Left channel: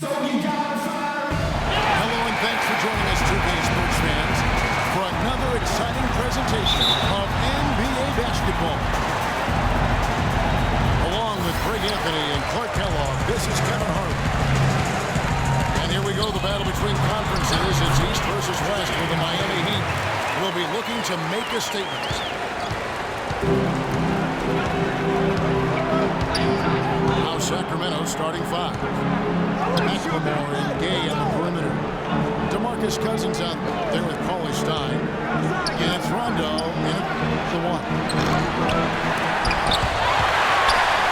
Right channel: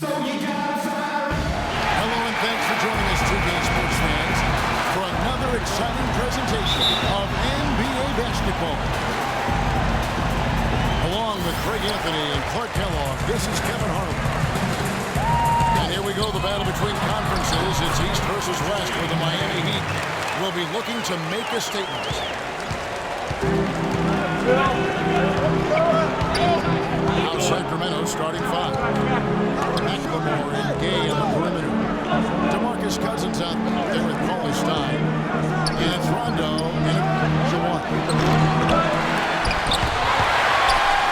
Hello and thanks for joining us, 2K sports fans, for another exciting presentation of NBA basketball. Along with Greg Anthony and Clark Kellogg, this is Kevin Harlan. And here we go, the battle between conferences. It's East versus West, where the Miami Heat will be looking to make a statement. Now Sacramento starting five. McLemore and Gay on the perimeter. DeMarcus Cousins out there with Paulie Stein. And it's Rondo in the one.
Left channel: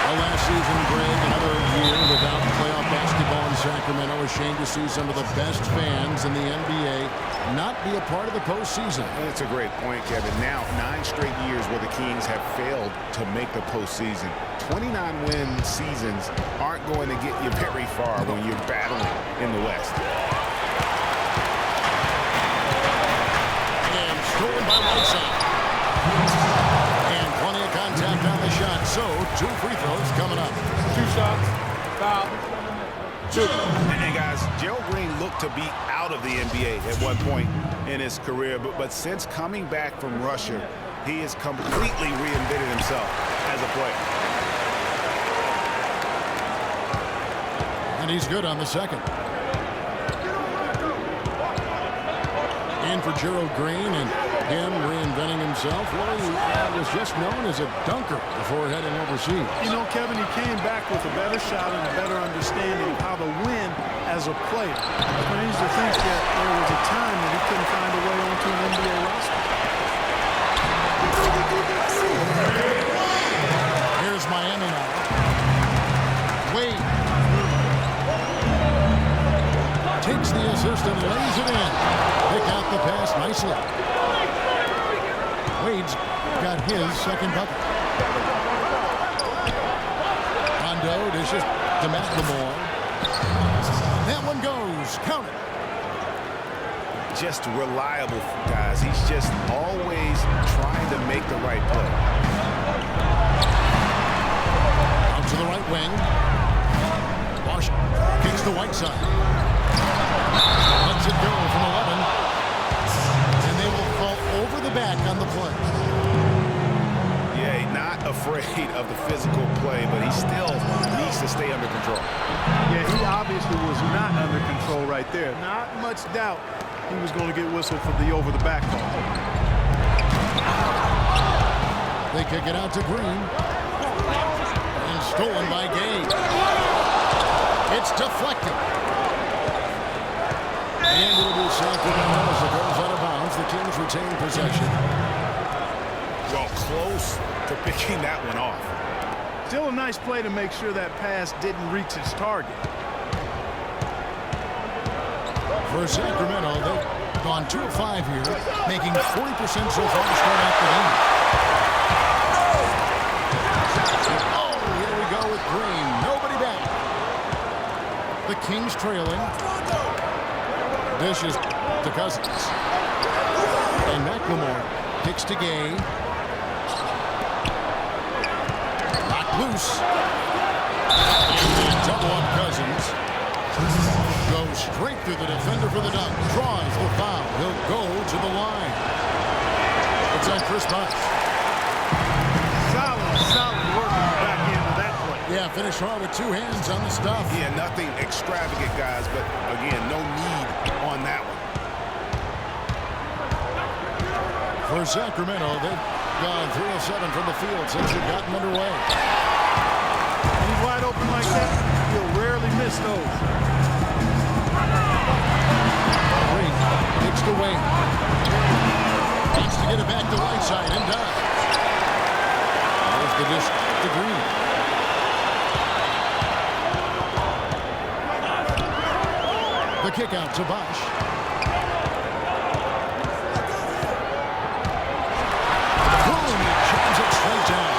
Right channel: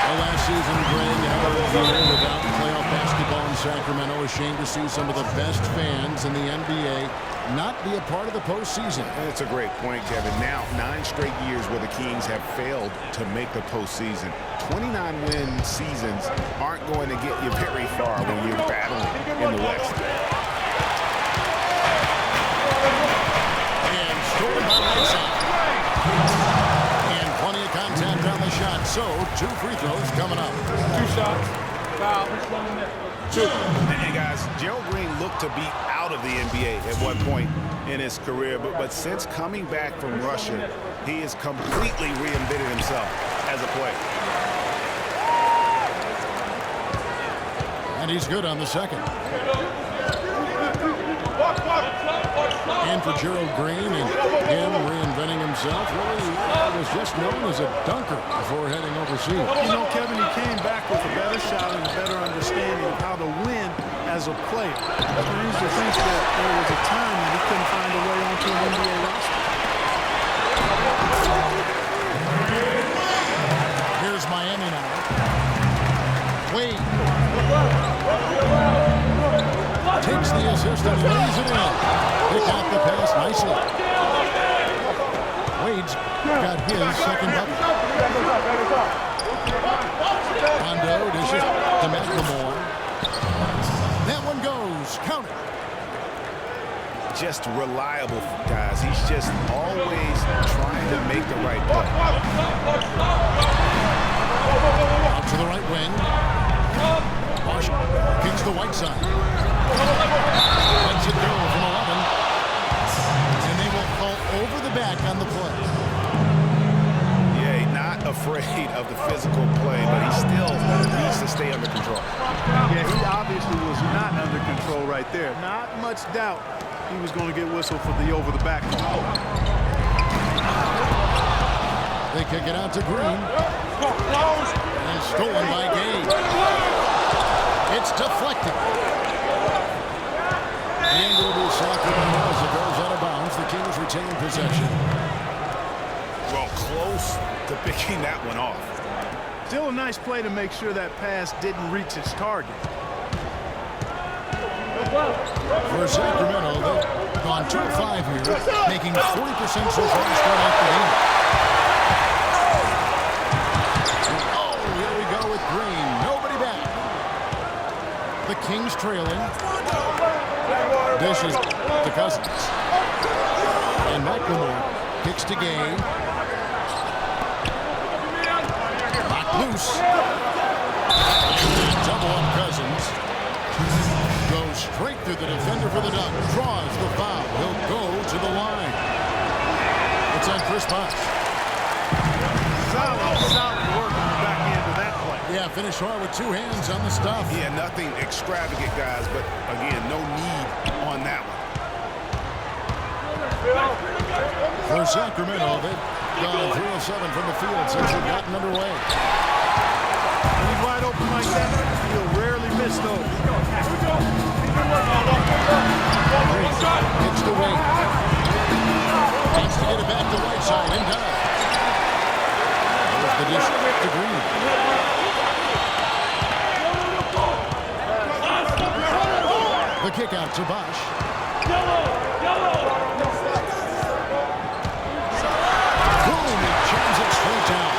Well, last season, Greg, another year without playoff basketball in Sacramento. Ashamed to see some of the best fans in the NBA not be a part of the postseason. It's a great point, Kevin. Now, 9 straight years where the Kings have failed to make the postseason. 29-win seasons aren't going to get you very far when you're battling in the West. And stolen by Whiteside. And plenty of contact on the shot. So, 2 free throws coming up. 2 shots. Foul. 2. And guys, Gerald Green looked to be out of the NBA at one point in his career, but since coming back from Russia, he has completely reinvented himself as a player. And he's good on the second. In for Gerald Green, and him reinventing himself. Really was just known as a dunker before heading overseas. You know, Kevin, he came back with a better shot and a better understanding of how to win as a player. Strange to think that there was a time that he couldn't find a way onto an NBA roster. Here's Miami now. Wade takes the assist and lays it in. Pick out the pass nicely. Wade's got his second bucket. Rondo dishes to McLemore. That one goes. Count it. Just reliable, guys. He's just always trying to make the right play. Out to the right wing. Bosch kicks the Whiteside. Lets it go from 11. And they will fall over the back on the play. Yeah, not afraid of the physical play, but he still needs to stay under control. Yeah, he obviously was not under control right there. Not much doubt he was going to get whistled for the over-the-back call. They kick it out to Green. And stolen by Gay. It's deflected. And it'll be Sacramento as it goes out of bounds. The Kings retain possession. Well, close to picking that one off. Still a nice play to make sure that pass didn't reach its target. For Sacramento, they've gone 2 of 5 here, making 40% so far to start out the game. Oh, here we go with Green. Nobody back. The Kings trailing. Dishes to Cousins. And McLemore kicks to Gay. Locked loose. And double up Cousins. Goes straight through the defender for the dunk. Draws the foul. He'll go to the line. It's on Chris Bosh. Solid work on the back end of that play. Yeah, finished hard with 2 hands on the stuff. Yeah, nothing extravagant, guys, but again, no need on that one. For Sacramento, they've gone 3 of 7 from the field since they've gotten underway. When he's wide open like that, he'll rarely miss those. Green kicks to Wade. Wants to get it back to Whiteside and does. There's the dish to Green. The kick out to Bosh. Boom, he jams it straight down.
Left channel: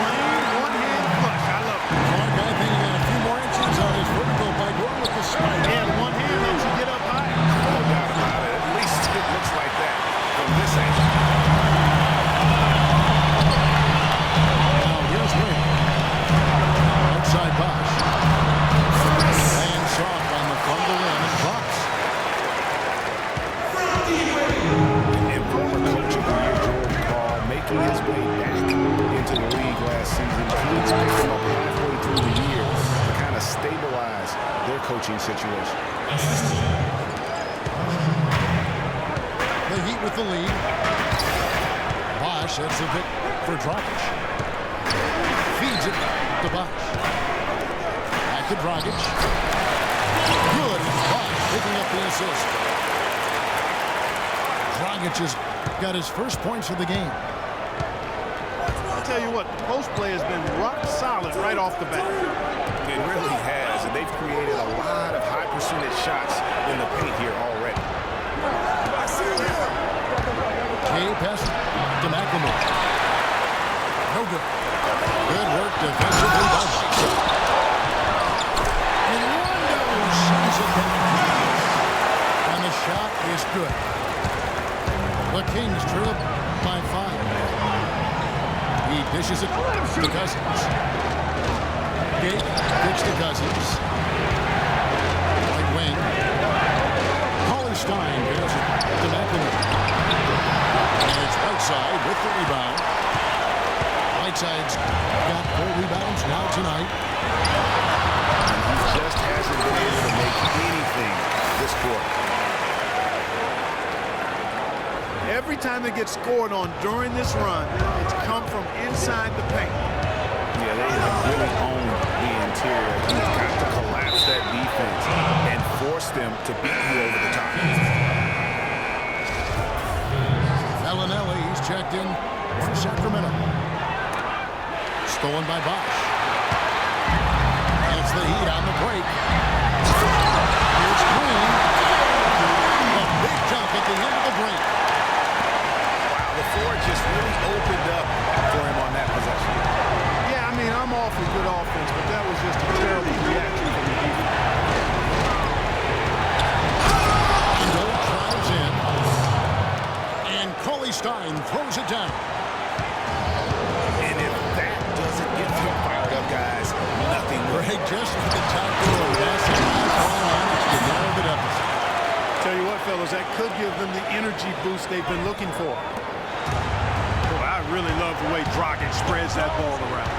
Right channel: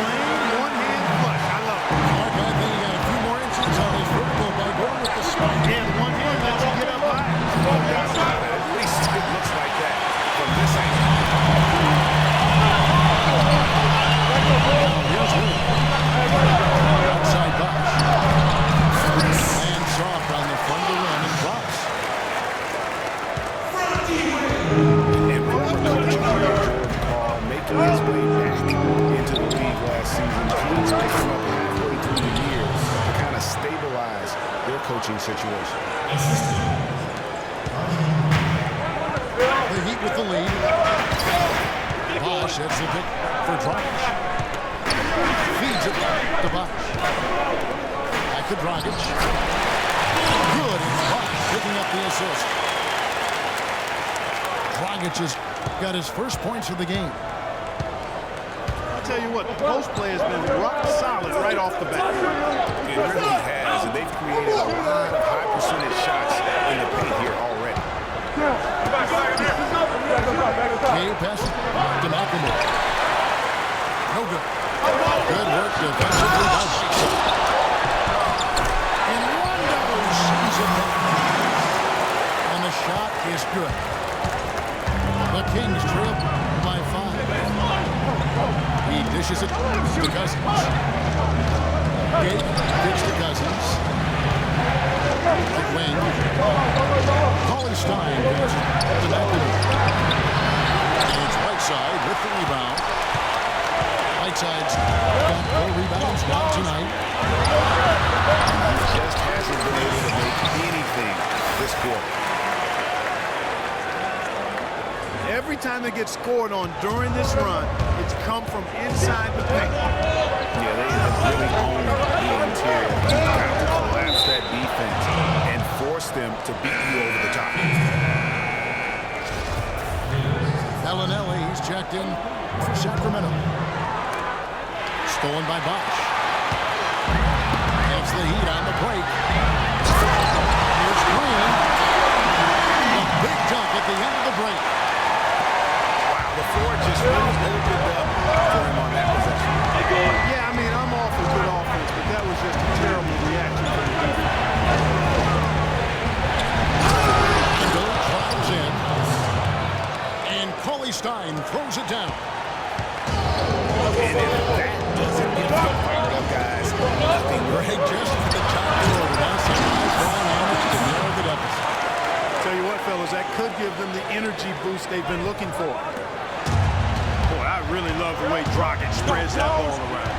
Plain one-hand flush. I love it. Clark, I think he got a few more inches on his vertical by going with the spike. Yeah, the one hand lets you get up higher. No doubt about it. At least it looks like that from this angle. Now here's Wade. Outside Bosh. making his way back into the league last season. Kings picked him up halfway through the year to kind of stabilize their coaching situation. The Heat with the lead. Bosch heads the pick for Dragic. Feeds it to Bosch. Back to Dragic. Good. It's Bosch picking up the assist. Dragic has got his first points of the game. I'll tell you what, the post play has been rock solid right off the bat. It really has, and they've created a lot of high percentage shots in the paint here already. Kay passes to McLemore. No good. Good work defensively by Whiteside. And Rondo sends it back. And the shot is good. The Kings trail by 5. He dishes it to Cousins. Gate kicks to Cousins. Right wing. Stein passes to McLemore. And it's Whiteside with the rebound. Whiteside's got 4 rebounds now tonight. And he just hasn't been able to make anything this quarter. Every time they get scored on during this run, it's come from inside the paint. Yeah, they have really owned the interior. You've got to collapse that defense and force them to beat you over the top. Bellinelli, he's checked in for Sacramento. Stolen by Bosch. And it's the Heat on the break. Here's Green. The big dunk at the end of the break. Wow, the floor just really opened up for him on that possession. Yeah, I mean, I'm all for good offense, but that was just a terrible reaction from the defense. Rondo drives in. And Stein throws it down. And if that doesn't get him fired up, guys, nothing will. Greg just at the top door. Now some high-flying annex to narrow the deficit. Tell you what, fellas, that could give them the energy boost they've been looking for. Boy, I really love the way Dragic spreads that ball around.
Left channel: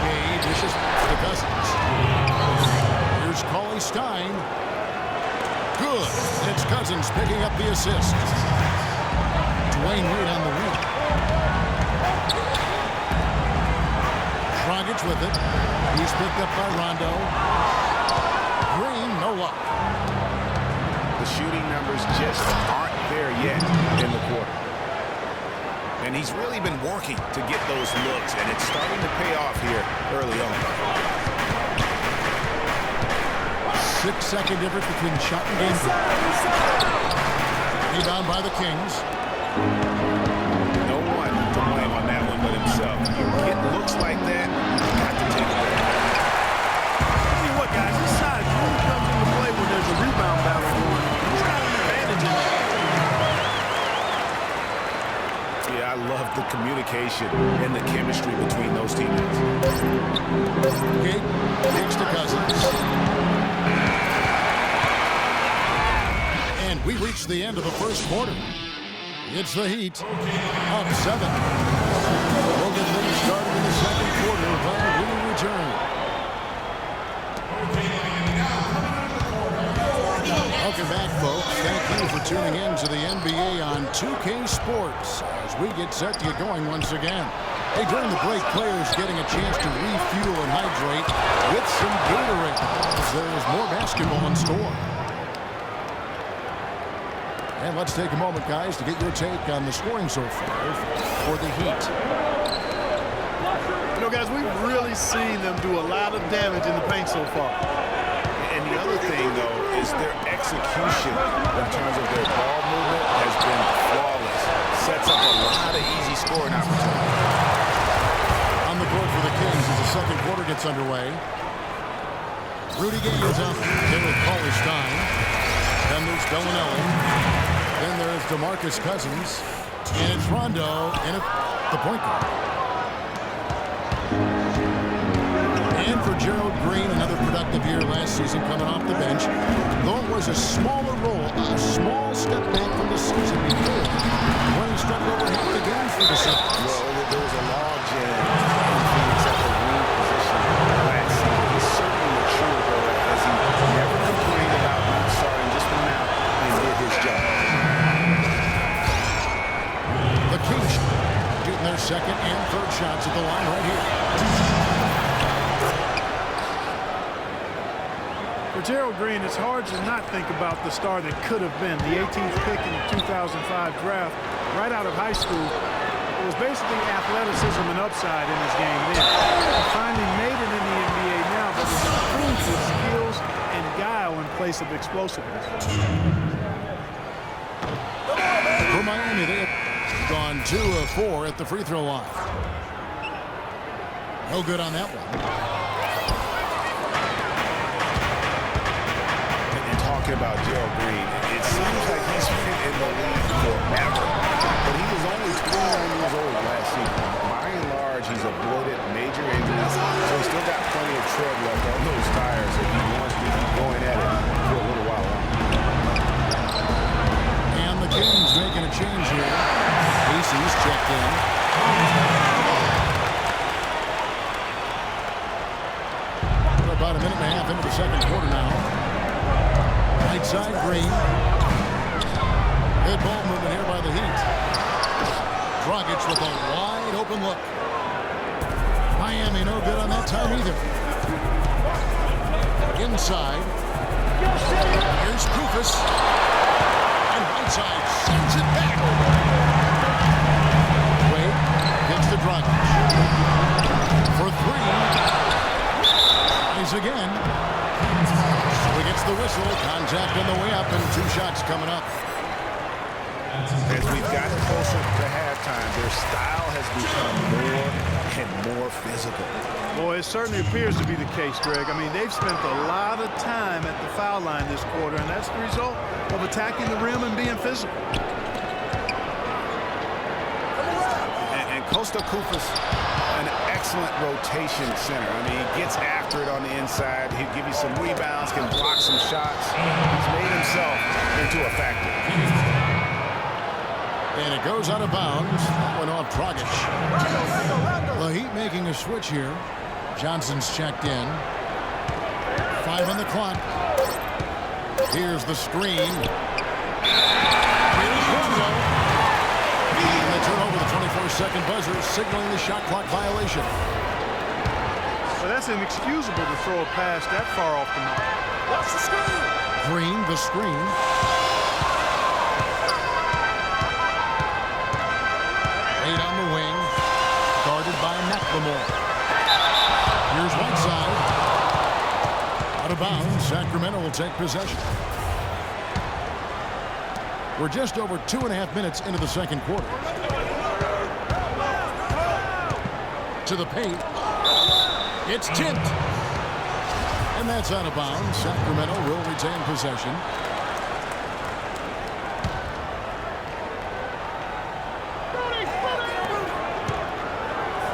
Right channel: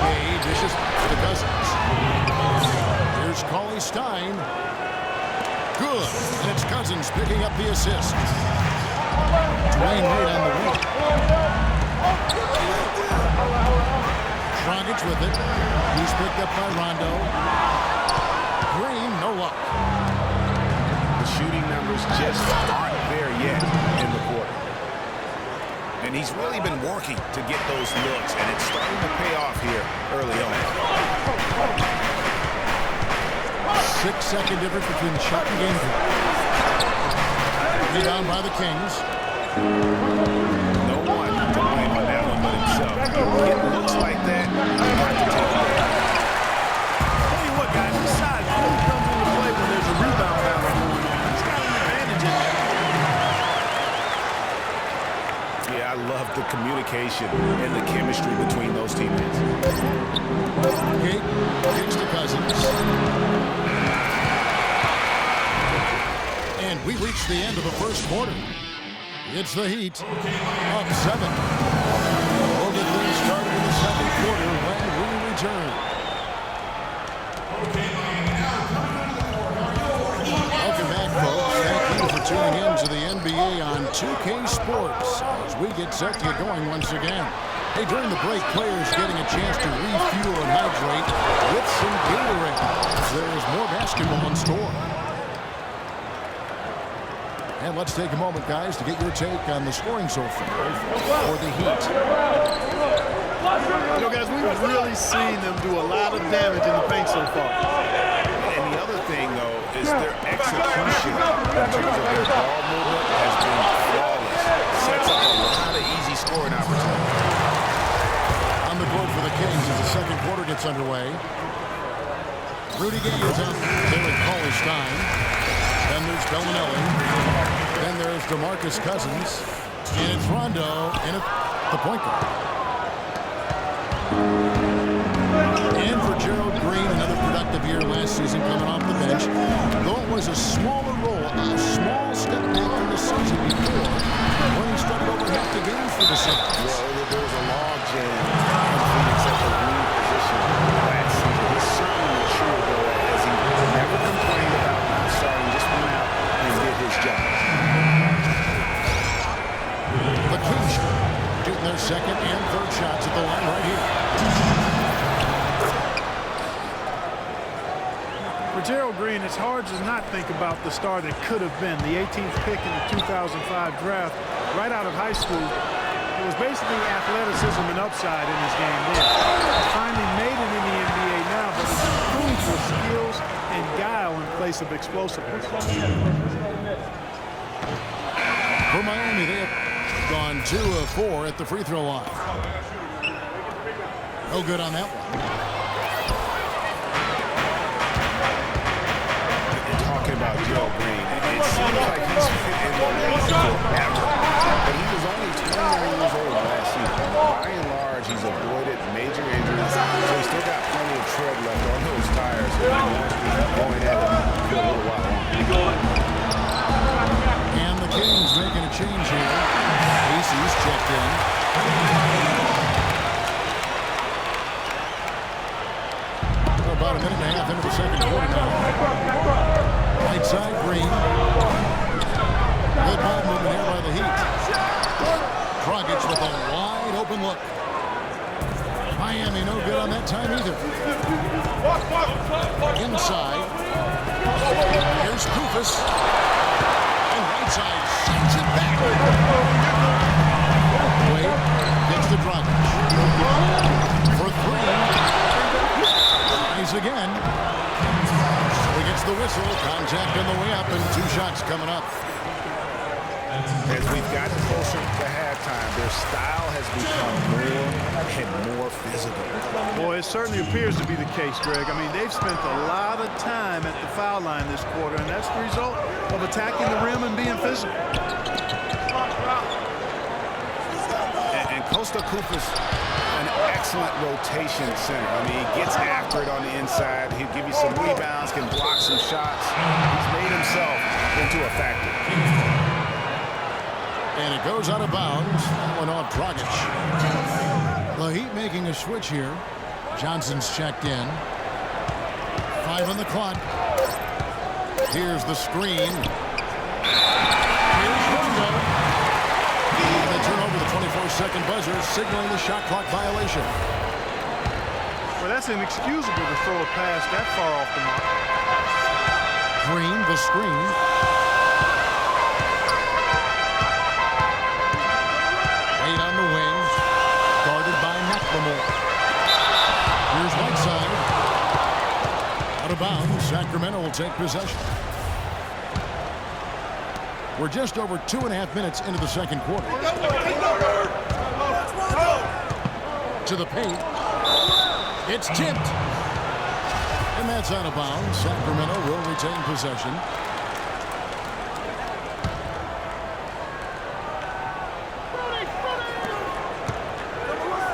Gay dishes to Cousins. Here's Stein. Good. And it's Cousins picking up the assist. Dwayne Wade on the wing. Dragic with it. He's picked up by Rondo. Green, no luck. The shooting numbers just aren't there yet in the quarter. And he's really been working to get those looks, and it's starting to pay off here early on. 6-second difference between the shot and game clock. Rebound by the Kings. No one to blame on that one but himself. You get looks like that, you got to take it away. Tell you what, guys, this size really comes into play when there's a rebound battle going on. He's got an advantage in there. Yeah, I love the communication and the chemistry between those teammates. Gate kicks to Cousins. And we reach the end of the first quarter. It's the Heat up 7. We'll get things started in the second quarter when we return. Welcome back, folks. Thank you for tuning in to the NBA on 2K Sports as we get set to get going once again. Hey, during the break, players getting a chance to refuel and hydrate with some Gatorade as there is more basketball in store. And let's take a moment, guys, to get your take on the scoring so far for the Heat. You know, guys, we've really seen them do a lot of damage in the paint so far. And the other thing, though, is their execution in terms of their ball movement has been flawless. Sets up a lot of easy scoring opportunities. On the court for the Kings as the second quarter gets underway. Rudy Gay is out there with Stein. Then there's Bellinelli. Then there's DeMarcus Cousins. And it's Rondo in the point guard. And for Gerald Green, another productive year last season coming off the bench. Though it was a smaller role, a small step back from the season before, Well, there was a log jam in Phoenix at the wing position last season. He's certainly matured, though, as he never complained about not starting, just went out and did his job. The Kings shooting their second and third shots at the line right here. For Gerald Green, it's hard to not think about the star that could have been. The 18th pick in the 2005 draft, right out of high school. It was basically athleticism and upside in his game then. He finally made it in the NBA now, but has improved with skills and guile in place of explosiveness. For Miami, they have gone 2 of 4 at the free throw line. No good on that one. Talking about Gerald Green, it seems like he's been in the league forever, but he was only 29 years old last season. By and large, he's avoided major injuries, so he's still got plenty of tread left on those tires if he wants to keep going at it for a little while longer. And the Kings making a change here. Casey's checked in. We're about a minute and a half into the second quarter now. Right side, Green. Good ball movement here by the Heat. Dragic with a wide open look. Miami no good on that time either. Inside. Here's Kufis. And Whiteside sends it back. Wade gets the Dragic. For 3. Tries again. So he gets the whistle. Contact on the way up and 2 shots coming up. As we've gotten closer to halftime, their style has become more and more physical. Boy, it certainly appears to be the case, Greg. I mean, they've spent a lot of time at the foul line this quarter, and that's the result of attacking the rim and being physical. And Costa Kufis, an excellent rotation center. I mean, he gets after it on the inside. He'll give you some rebounds, can block some shots. He's made himself into a factor. And it goes out of bounds. That one off Dragic. The Heat making a switch here. Johnson's checked in. 5 on the clock. Here's the screen. Here's Rondo. And they turn over the 24-second buzzer, signaling the shot clock violation. Well, that's inexcusable to throw a pass that far off the mark. Green, the screen. Wade on the wing, guarded by McLemore. Here's Whiteside. Out of bounds, Sacramento will take possession. We're just over 2.5 minutes into the second quarter. To the paint. It's tipped. And that's out of bounds. Sacramento will retain possession.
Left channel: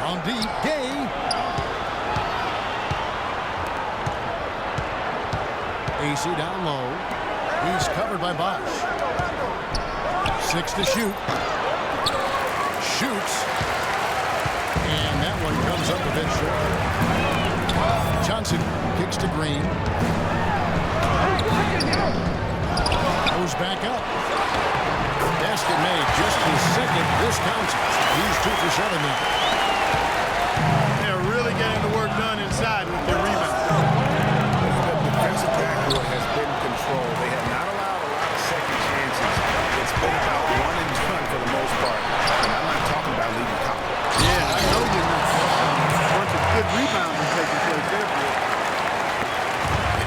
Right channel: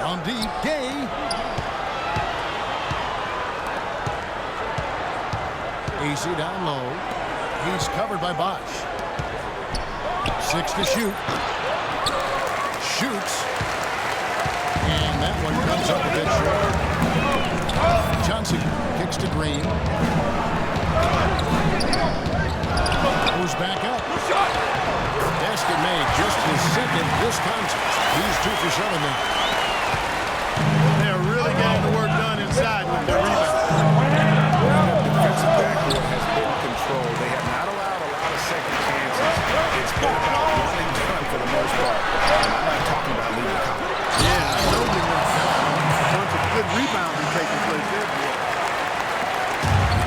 On deep, Gay. AC down low. He's covered by Bosch. 6 to shoot. Shoots. And that one comes up a bit short. Johnson kicks to Green. Goes back up. Basket made, just his second this contest. He's 2 for 7 now. They're really getting the work done inside with their rebound. The defensive backcourt has been controlled. They have not allowed a lot of second chances. It's been about one and done for the most part. And I'm not talking about leaving college. Yeah, I know you're not. That's a bunch of good rebounding taking place there, boy.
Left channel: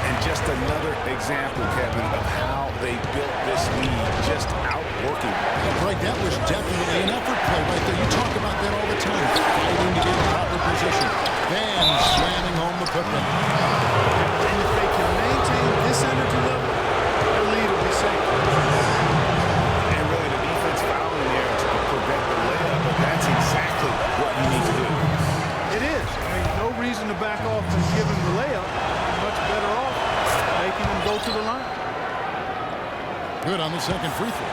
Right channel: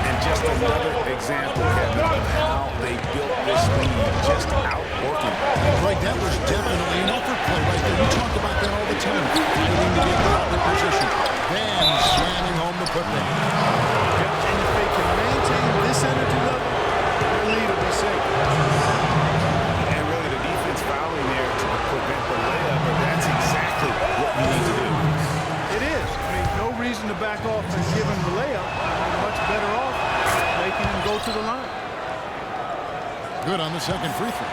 And just another example, Kevin, of how they built this league, just outworking. Greg, that was definitely an effort play right there. You talk about that all the time. Fighting to get proper position. Then slamming home the putback. And if they can maintain this energy level, their lead will be safe. And really the defense fouling there to prevent the layup, but that's exactly what you need to do. It is. I mean, no reason to back off and give him the layup. You're much better off making him go to the line. Good on the second free throw.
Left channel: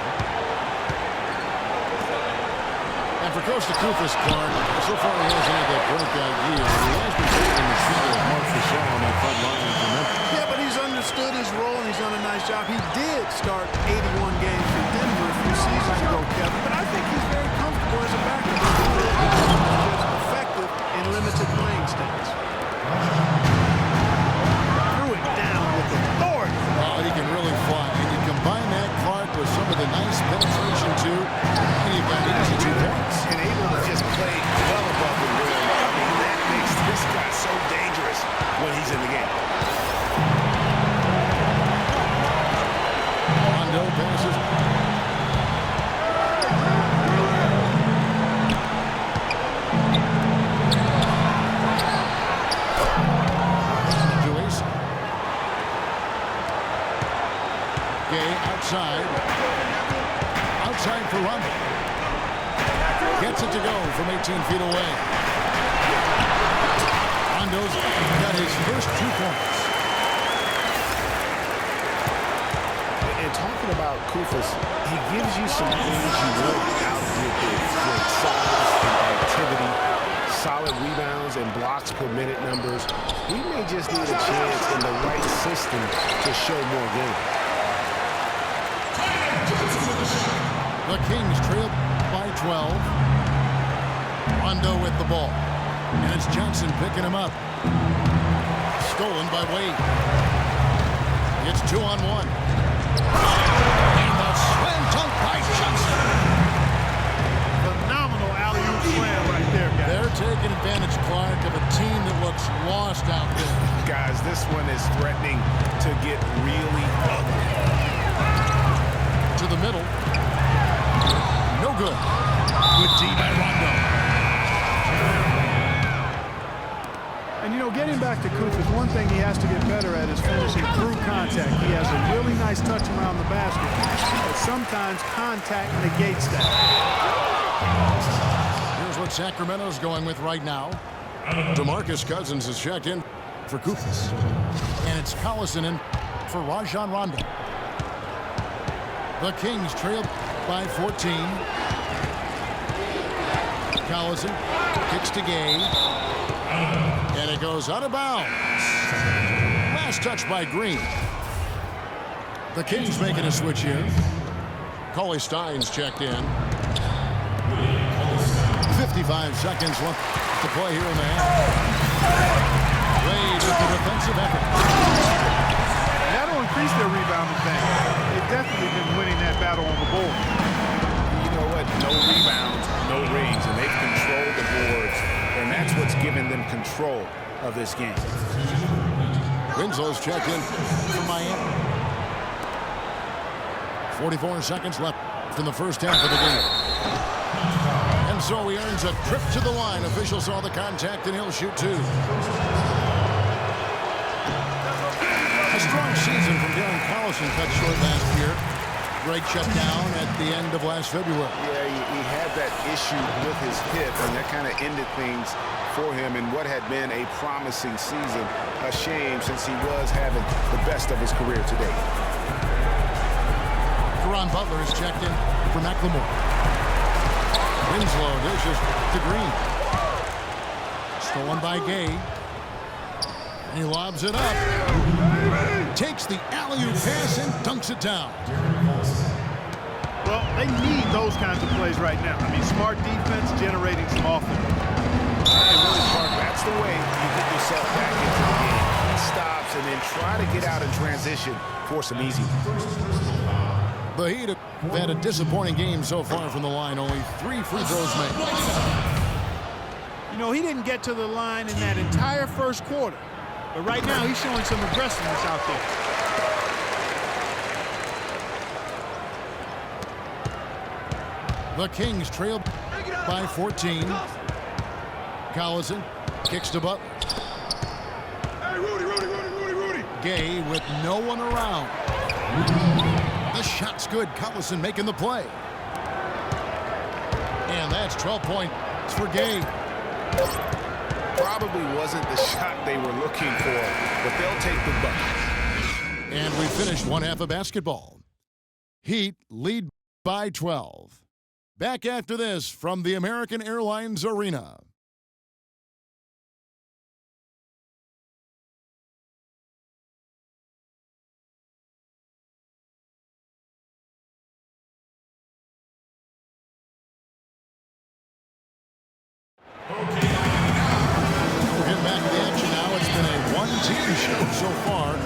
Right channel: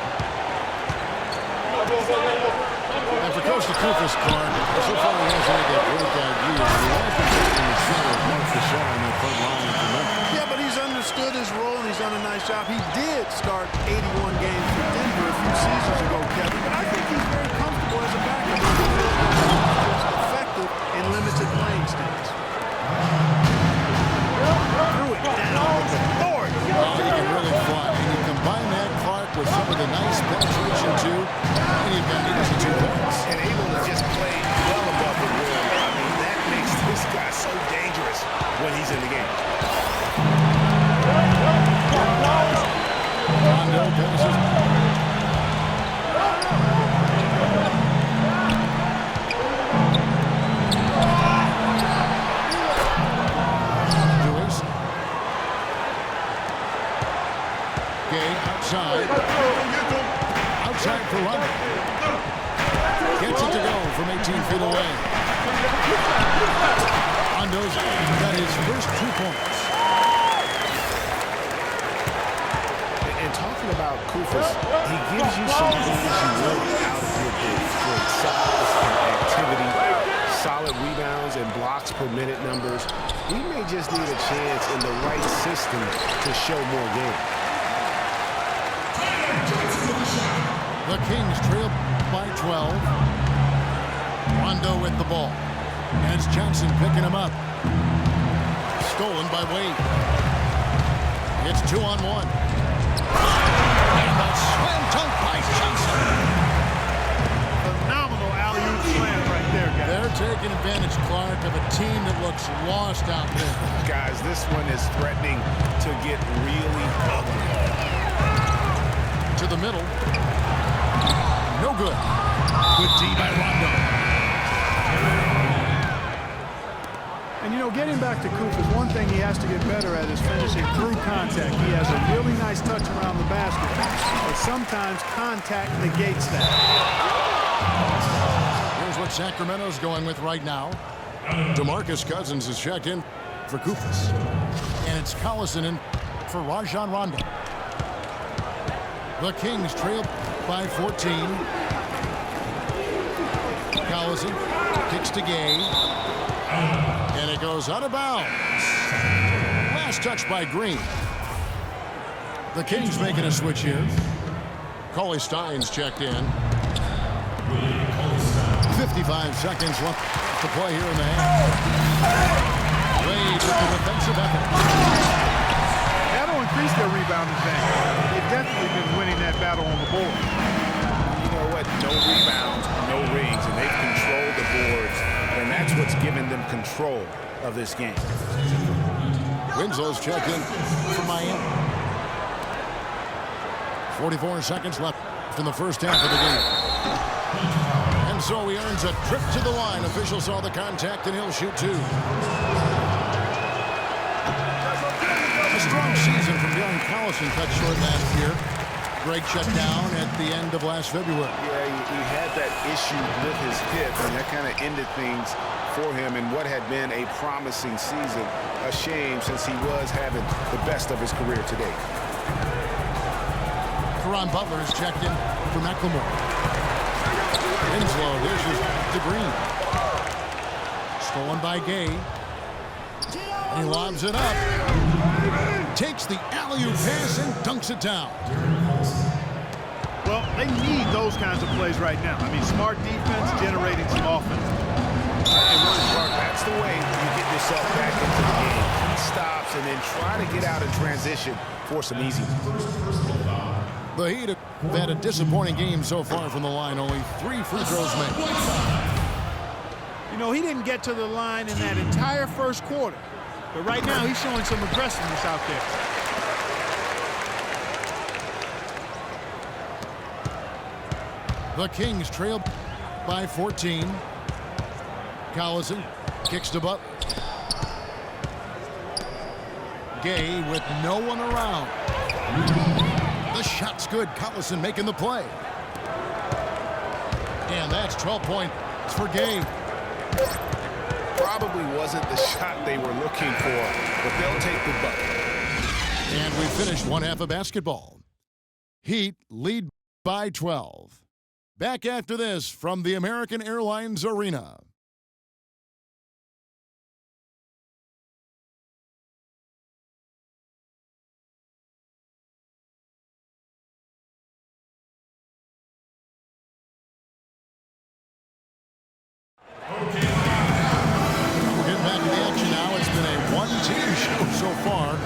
And for Coach Koufos, Clark, so far he hasn't had that breakout year. He has been taking the shadow of Mark Gasol on that front line for Memphis. Yeah, but he's understood his role, and he's done a nice job. He did start 81 games for Denver a few seasons ago, Kevin, but I think he's very comfortable as a backup. He's just effective in limited playing stints. Threw it down with authority. Oh, he can really fly. And you combine that, Clark, with some of the nice penetration, too, and you've got easy 2 points. And able to just play well above the rim. I mean, that makes this guy so dangerous when he's in the game. Rondo passes. Gay outside. Outside for Rondo. Gets it to go from 18 feet away. Rondo's got his first 2 points. And talking about Koufos, he gives you some things you want out of your bigs. Great size and activity, solid rebounds and blocks per minute numbers. He may just need a chance in the right system to show more game. The Kings trail by 12. Rondo with the ball. And it's Johnson picking him up. Stolen by Wade. It's 2-on-1. And the slam dunk by Johnson. Phenomenal alley-oop slam right there, guys. They're taking advantage, Clark, of a team that looks lost out there. Guys, this one is threatening to get really ugly. To the middle. No good. Good D by Rondo. And, you know, getting back to Koufos, one thing he has to get better at is finishing through contact. He has a really nice touch around the basket, but sometimes contact negates that. Here's what Sacramento's going with right now. DeMarcus Cousins is checked in for Koufos. And it's Collison in for Rajon Rondo. The Kings trail by 14. Collison kicks to Gay. And it goes out of bounds. Last touch by Green. The Kings making a switch here. Cauley Stein's checked in. 55 seconds left to play here in the half. Wade with the defensive effort. That'll increase their rebound advantage. They've definitely been winning that battle on the board. You know what? No rebounds, no rings, and they've controlled the boards, and that's what's given them control of this game. Winslow's checked in for Miami. 44 seconds left in the first half of the game. And so he earns a trip to the line. Official saw the contact, and he'll shoot 2. A strong season from Darren Collison cut short last year. Great shutdown at the end of last February. Yeah, he had that issue with his hip, and that kind of ended things for him in what had been a promising season. A shame, since he was having the best of his career to date. Caron Butler is checked in for McLemore. Winslow dishes to Green. Stolen by Gay. And he lobs it up. Takes the alley-oop pass and dunks it down. Well, they need those kinds of plays right now. I mean, smart defense generating some offense. And really, Clark, that's the way you get yourself back into the game. He stops and then try to get out in transition for some easy ones. The Heat have had a disappointing game so far from the line. Only 3 free throws made. You know, he didn't get to the line in that entire first quarter. But right now, he's showing some aggressiveness out there. The Kings trail by 14. Collison kicks to Butler. Gay with no one around. The shot's good. Collison making the play. And that's 12 points for Gay. Probably wasn't the shot they were looking for, but they'll take the bucket. And we finished one half of basketball. Heat lead by 12. Back after this from the American Airlines Arena. We're getting back to the action now. It's been a one-team show so far.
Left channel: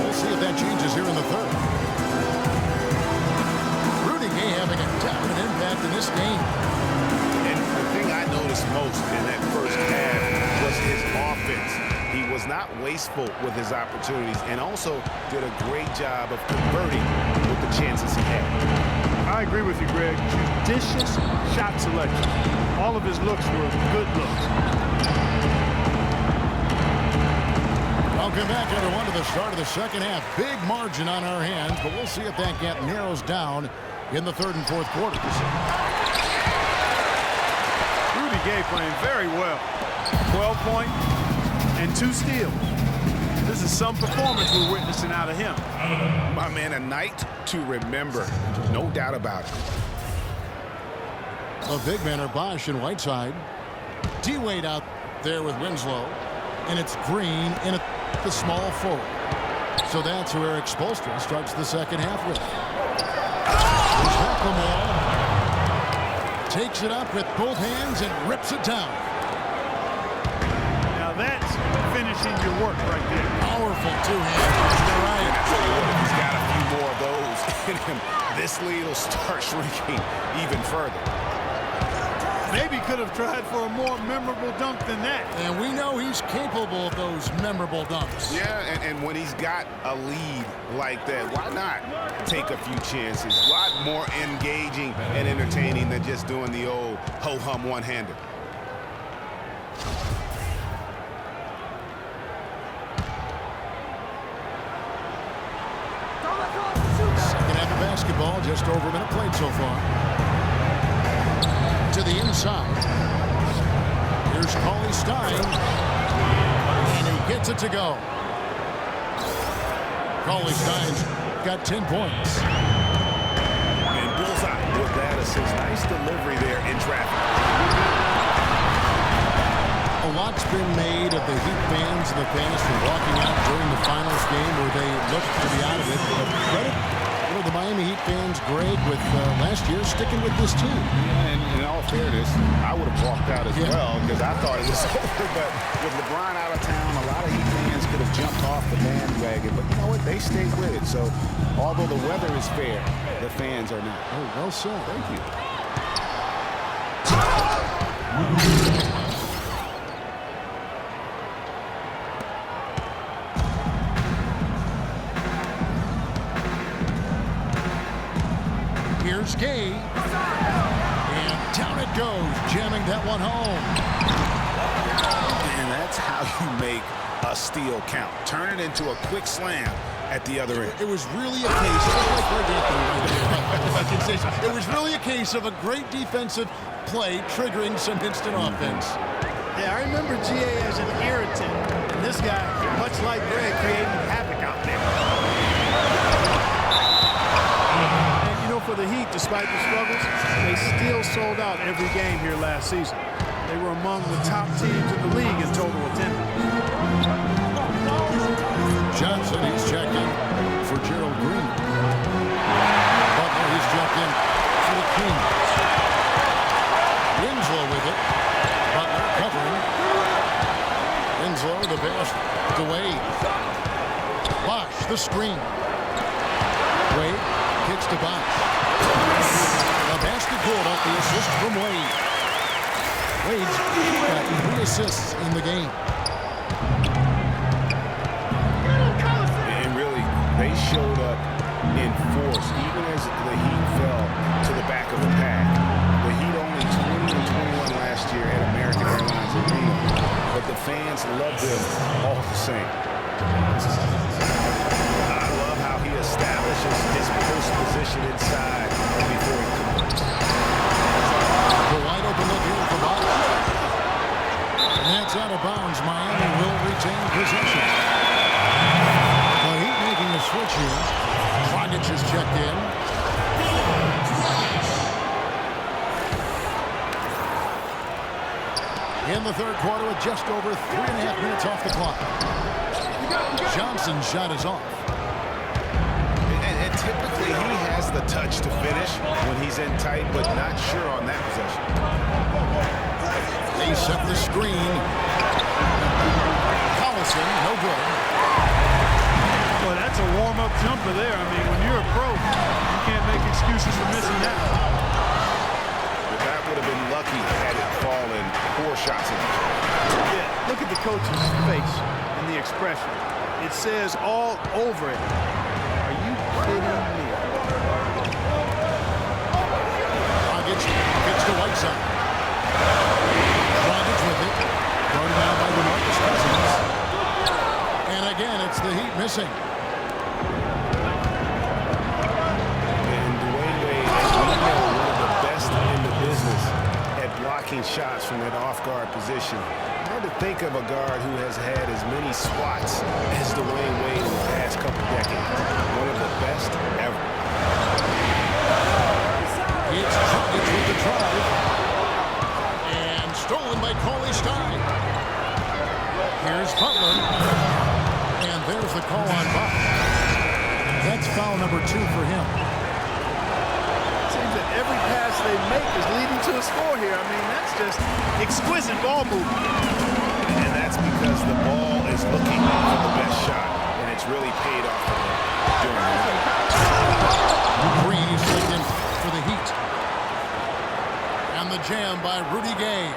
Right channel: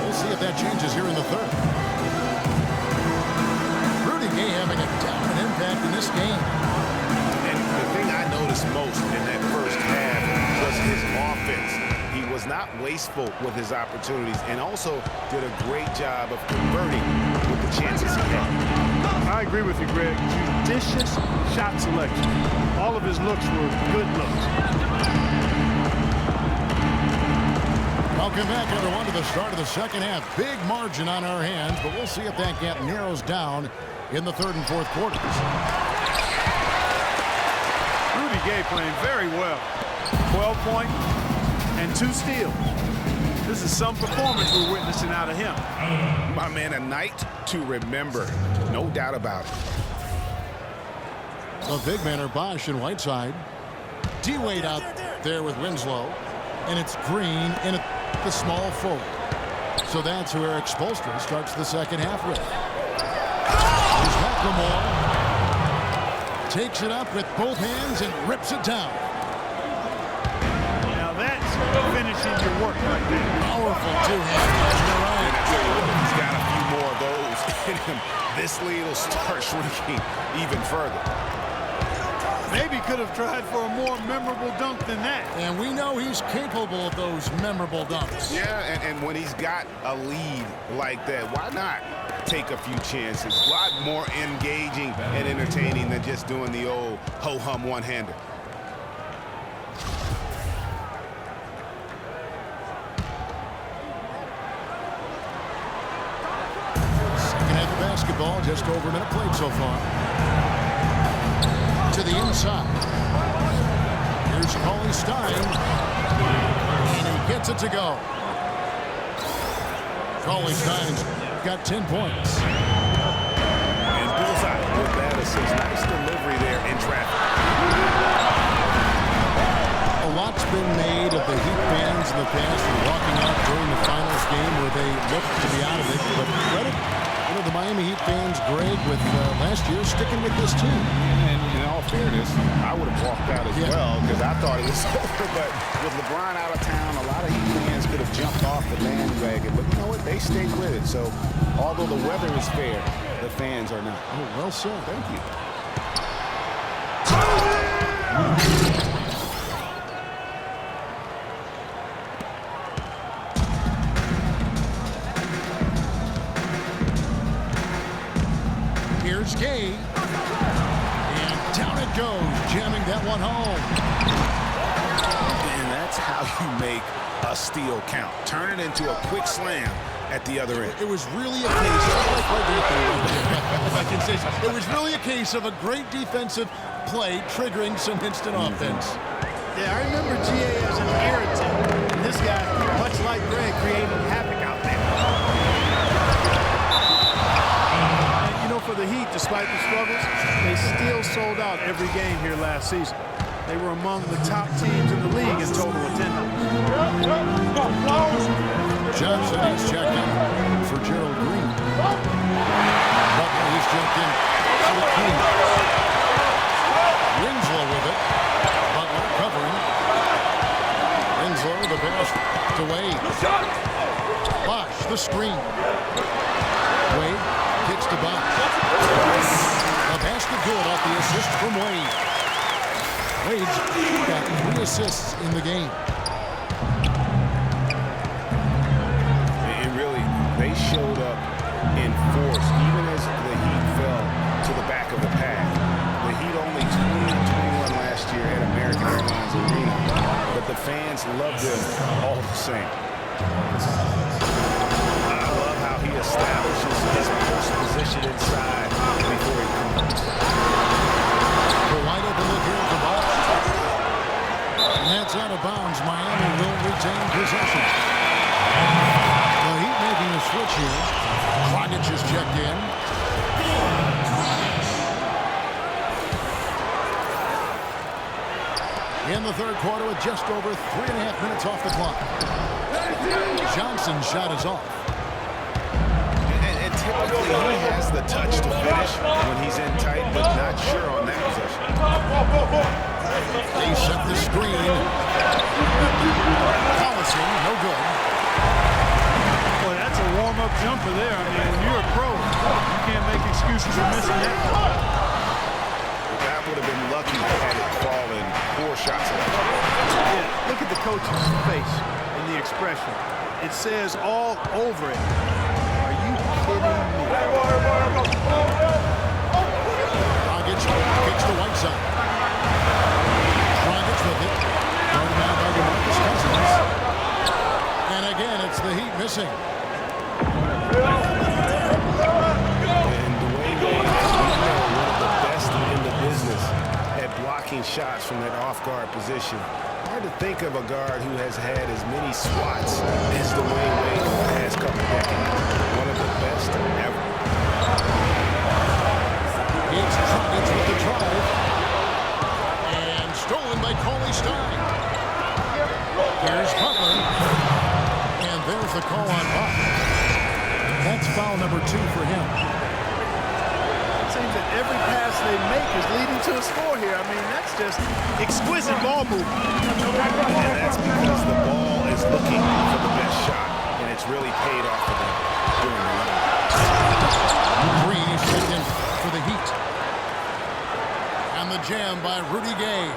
We'll see if that changes here in the third. Rudy Gay having a dominant impact in this game. And the thing I noticed most in that first half was his offense. He was not wasteful with his opportunities and also did a great job of converting with the chances he had. I agree with you, Greg. Judicious shot selection. All of his looks were good looks. Welcome back, everyone, to the start of the second half. Big margin on our hands, but we'll see if that gap narrows down in the third and fourth quarters. Rudy Gay playing very well. 12 points and 2 steals. This is some performance we're witnessing out of him. My man, a night to remember. No doubt about it. The big men are Bosch and Whiteside. D-Wade out there with Winslow. And it's Green in at the small forward. So that's who Eric Spoelstra starts the second half with. There's McLemore. Takes it up with both hands and rips it down. Now that's finishing your work right there. Powerful two-hand. You're right. And I tell you what, if he's got a few more of those in him, this lead will start shrinking even further. Maybe could have tried for a more memorable dunk than that. And we know he's capable of those memorable dunks. Yeah, and when he's got a lead like that, why not take a few chances? A lot more engaging and entertaining than just doing the old ho-hum one-hander. Second half of basketball, just over a minute played so far. To the inside. Here's Cauley Stein. And he gets it to go. Cauley Stein's got 10 points. And bullseye with that assist. Nice delivery there in traffic. A lot's been made of the Heat fans in the past for walking out during the finals game where they looked to be out of it. But credit, the Miami Heat fans, Greg, with last year sticking with this team. Yeah, and in all fairness, I would have walked out as well because I thought it was over. But with LeBron out of town, a lot of Heat fans could have jumped off the bandwagon. But you know what? They stayed with it. So although the weather is fair, the fans are not. Oh, well said. Thank you. Here's Gay. And down it goes, jamming that one home. And that's how you make a steal count. Turn it into a quick slam at the other end. It was really a case, if I can say so, it was really a case of a great defensive play triggering some instant offense. Yeah, I remember GA as an irritant. And this guy, much like Greg, creating havoc out there. And, for the Heat, despite the struggles, they still sold out every game here last season. They were among the top teams in the league in total attendance. Johnson, he's checked in for Gerald Green. Butler, he's checked in for the Kings. Winslow with it. Butler covering. Winslow, the pass to Wade. Bosch, the screen. Wade kicks to Bosch. The basket good off the assist from Wade. Wade's got 3 assists in the game. And really, they showed up in force, even as the Heat fell to the back of the pack. The Heat only 20-21 last year at American Airlines Arena, but the fans love them all the same. I love how he establishes his post position inside before he converts. The wide open look here for Bosch. And that's out of bounds. Miami will retain possession. The Heat making a switch here. Dragic is checked in. in the third quarter with just over 3.5 minutes off the clock. Johnson's shot is off. And typically he has the touch to finish when he's in tight, but not sure on that possession. They set the screen. Collison, no good. Boy, that's a warm-up jumper there. I mean, when you're a pro, you can't make excuses for missing that. But that would have been lucky had it fallen. Poor shot selection. Yeah, look at the coach's face and the expression. It says all over it. Are you kidding me? Dragic kicks to Whiteside. Dragic with it. Guarded now by DeMarcus Cousins. And again, it's the Heat missing. And Dwayne Wade, as we know, one of the best in the business at blocking shots from that off-guard position. Hard to think of a guard who has had as many swats as Dwayne Wade in the past couple decades. One of the best ever. It's Dragic with the drive. And stolen by Cauley Stein. Here's Butler. And there's the call on Buck. That's foul number 2 for him. It seems that every pass they make is leading to a score here. I mean, that's just exquisite ball movement. And that's because the ball is looking for the best shot, and it's really paid off for them during the run. Green is checked in for the Heat. And the jam by Rudy Gay.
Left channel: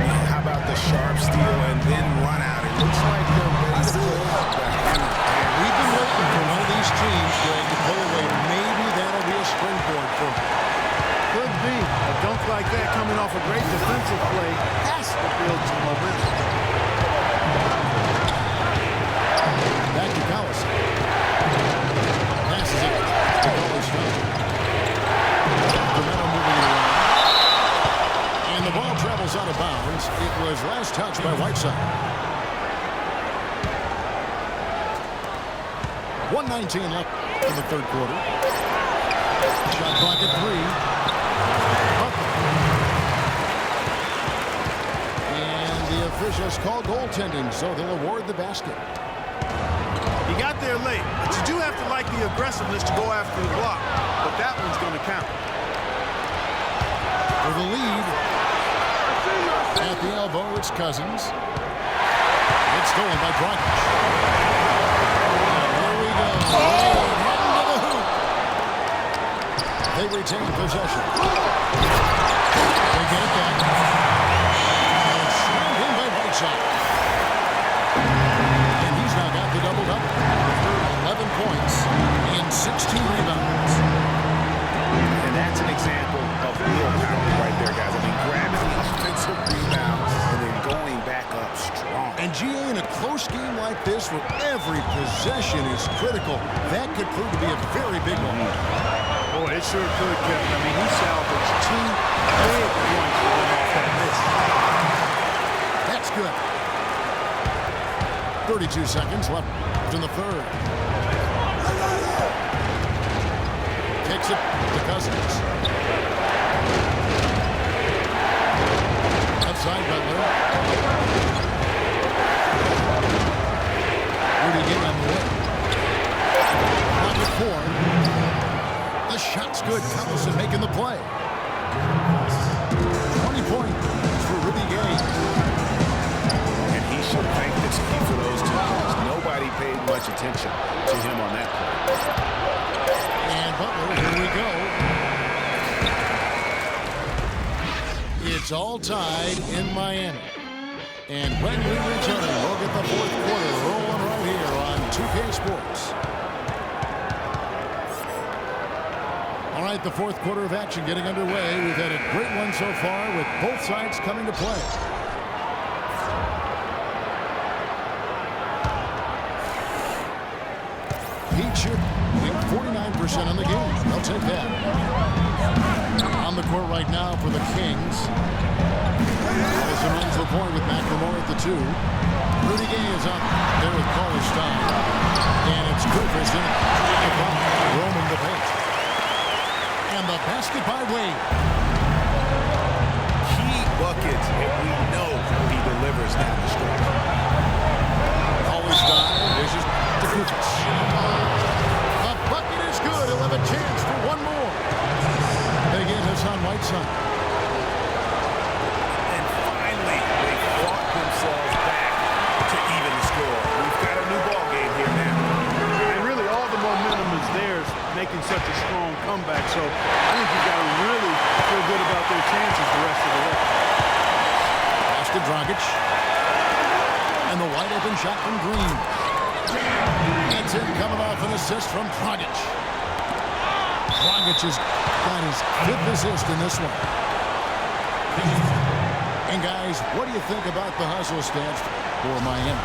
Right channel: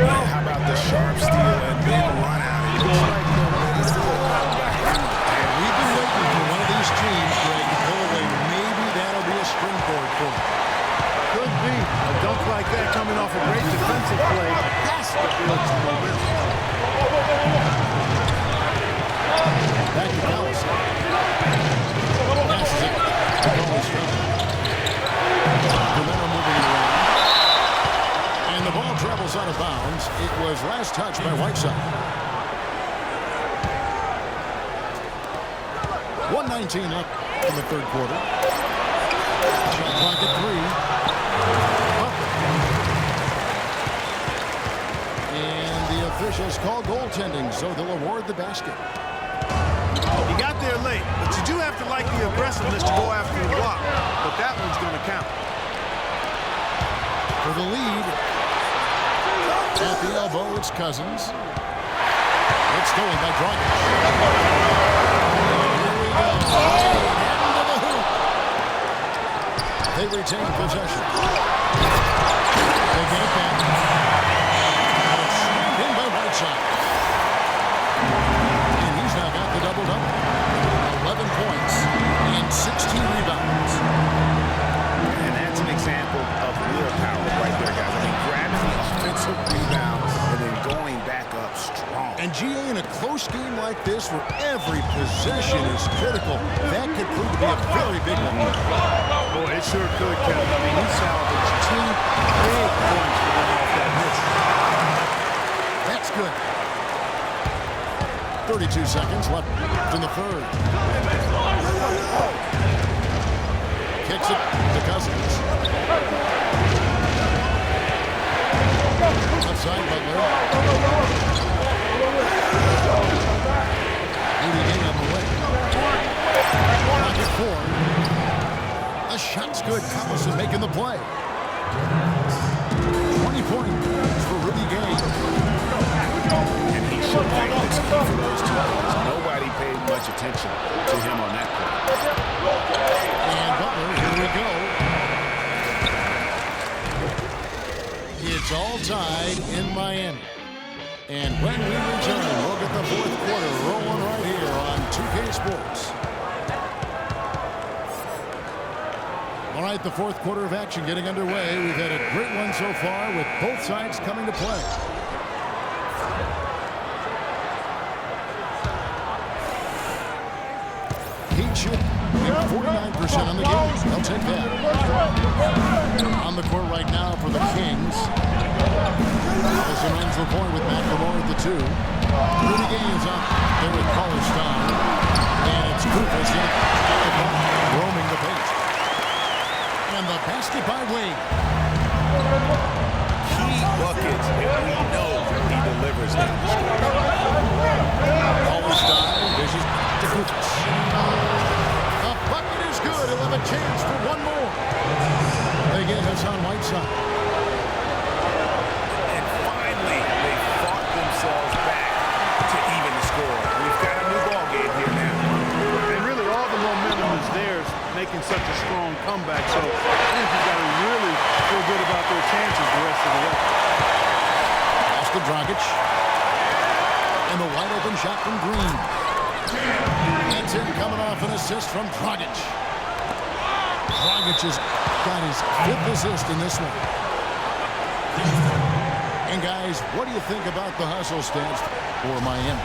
And how about the sharp steal and then run out? It looks like they're ready to put the hammer down. We've been waiting for one of these teams, Greg, to pull away. Maybe that'll be a springboard for them. Could be. A dunk like that coming off a great defensive play has to build some momentum. Back to Collison. Passes it to Cauley Stein. Sacramento moving it around. And the ball travels out of bounds. It was last touched by Whiteside. 1:19 left in the third quarter. Shot clock at 3. Butler. And the officials call goaltending, so they'll award the basket. He got there late, but you do have to like the aggressiveness to go after the block. But that one's going to count. For the lead, at the elbow, it's Cousins. It's stolen by Dragic. And here we go. Wade heading to the hoop. They retain possession. They get it back. And it's slammed in by Whiteside. And he's now got the double-double. 11 points and 16 rebounds. And that's an example of willpower right there, guys. I mean, grabbing the offensive rebound and then going back up strong. And GA, in a close game like this where every possession is critical, that could prove to be a very big one. Boy, it sure could, Kevin. I mean, he salvaged 2 big points for them off that miss. That's good. 32 seconds left in the third. Kicks it to Cousins. Outside Butler. Rudy Gay on the way. Pocket 4. The shot's good. Collison making the play. 20 points for Rudy Gay. And he should thank the team for those 2 points. Nobody paid much attention to him on that play. And Butler, here we go. It's all tied in Miami. And when we return, we'll get the fourth quarter rolling right here on 2K Sports. All right, the fourth quarter of action getting underway. We've had a great one so far with both sides coming to play. Heat should be 49% on the game. They'll take that. On the court right now for the Kings. Allison runs the point with McLemore at the 2. Rudy Gay is out there with Cauley Stein. And it's Kufis in the box, roaming the paint. And the basket by Wade. Key buckets, and we know he delivers down the stretch. Always style, dishes to Kufis. The bucket is good. He'll have a chance for one more. They get Hassan Whiteside. And finally, they fought themselves back to even the score. We've got a new ball game here now. And really all the momentum is theirs, making such a strong comeback. So I think you've got to really feel good about their chances the rest of the way. Pass to Dragic. And the wide open shot from Green. That's in, coming off an assist from Dragic. Dragic has got his 5th assist in this one. And guys, what do you think about the hustle stats for Miami?